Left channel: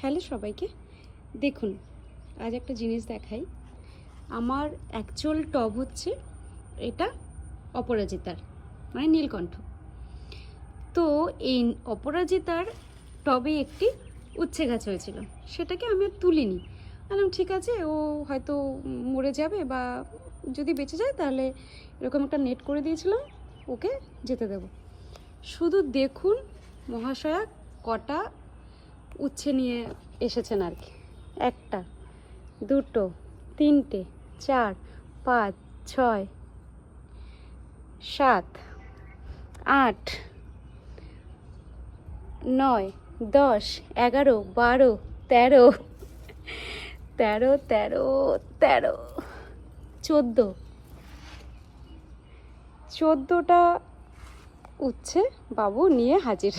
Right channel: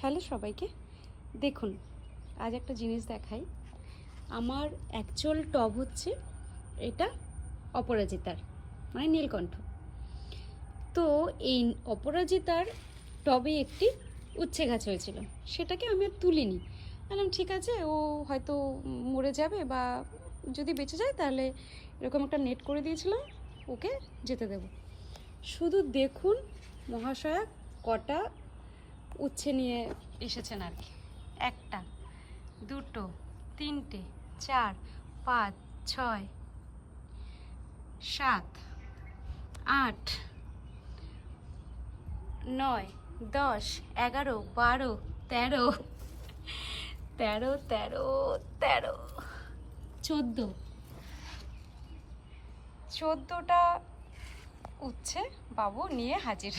Hello সবাইকে। দেখুন, আজ একটা জিনিস দেখাই। আমার অ্যাকচুয়াল টব হচ্ছে এটা অপরাজিতার মানে নীলকণ্ঠ। তো এই অপরাজিতার টবে একটি উচ্ছে গাছ হয়েছিল। সেটাকে আমি আর তুলিনি। বললাম, ঠিক আছে, ও হয়তো মরে যাবে বা যদি বেঁচে যায় তাহলে এরকম একটা নেট করে দিয়েছিলাম, ওকে যেতে দেবো। শুধু দেখুন মহাশয়া কটা উচ্ছে নিয়ে এসেছেন আর কি। একটা, দুটো, তিনটে, চার, পাঁচ, ছয়, সাত, আট, নয়, দশ, এগারো, বারো, তেরো তেরো তেরো তেরো, চোদ্দ। চোদ্দোটা উচ্ছে বাবু নিয়ে হাজির।